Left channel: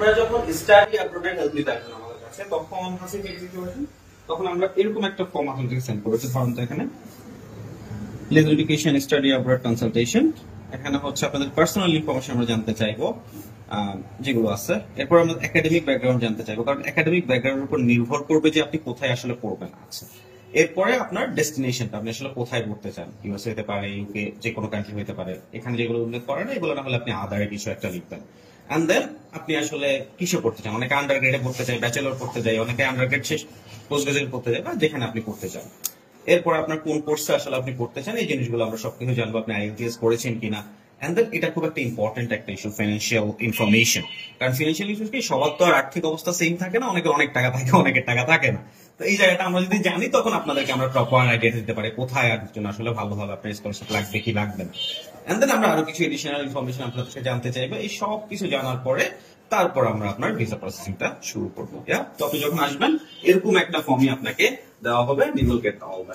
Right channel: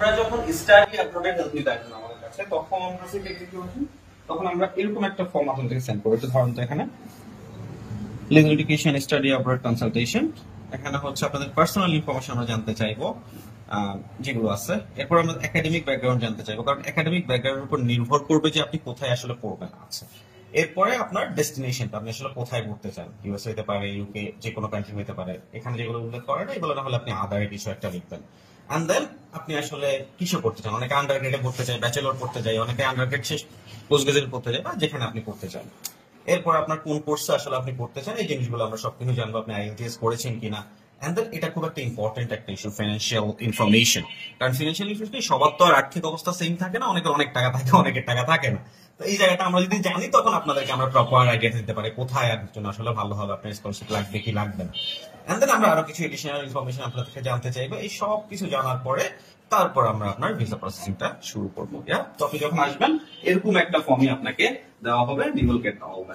আপনারা যখন study অ্যাব্রডের help নিতে আসবেন আমাদের কাছে, তখন আমরা এরকম একটা ফর্ম আপনাদেরকে সেন্ড করবো। ধরুন তো এখানে laser education study abroad consultation, এখানে হচ্ছে আপনাদের পার্সোনাল ইনফরমেশন আমরা জানতে চাইবো যেগুলো আছে। এরপর আমরা একাডেমিক ব্যাকগ্রাউন্ড জানতে চাইবো, কারণ একাডেমিক ব্যাকগ্রাউন্ডের উপর নির্ভর করবে যে আপনি কোথায় আসলে পড়বেন। আছে এরপরে আপনার ডেস্টিনেশনটা, আপনি আসলে কোথায় পড়তে চান, ইউএস হতে পারে, ইউকে, যে কোনো কান্ট্রি হতে পারে। এখানে যেগুলো উল্লেখ করে না এগুলো না হলে আপনি আদার কিছু একটা লিখবেন। এন্ড দেন আপনি আসলে কিসে পড়তে চান, অনেকে আন্ডার গ্রেডে পড়তে চায়, ব্যাচেলর পড়তে চায়, অনেকে আন্ডার গ্রেড শেষ পোস্ট গ্রাজুয়েট পড়তে চায়, বা যেখানে আপনি পড়তে চান। এরপর আপনার কোন কোর্সে আসলে আপনি পড়তে চান, এই জিনিসগুলো আমরা সবকিছু জানবো, আপনি আইএলটিএস করেছেন কিনা। এন্ড দেন এটা খুব একটা ইম্পর্টেন্ট একটা ইস্যু, ফিনান্সিয়াল ইনফরমেশন। কারণ ফিনান্সিয়াল ইনফরমেশন সবার তো আর আর্থিক অবস্থা সেম থাকে না, অনেকে অনেক টাকা থাকে, অনেকের টাকা থাকে না। তো এই জায়গাটা আমরা যদি জানি তখন আপনাদেরকে আমরা প্রপার আইডিয়া দিতে পারি কোথায় একজন আসলে ভালো হবে, আপনার স্কলারশিপ লাগবে কি লাগবে না। এন্ড দেন আমরা আরো কিছু এডিশনাল ইনফরমেশন আপনাদের কাছে জানতে চাইবো। এই সব কিছু জানার পরে তারপর আমরা আপনার ভিসা প্রসেসিংটা শুরু করবো। তো আপনি যখন আসবেন এরকম একটা ফর্মই আপনাকে দেওয়া হবে, নিবল গেট দেওয়া হবে।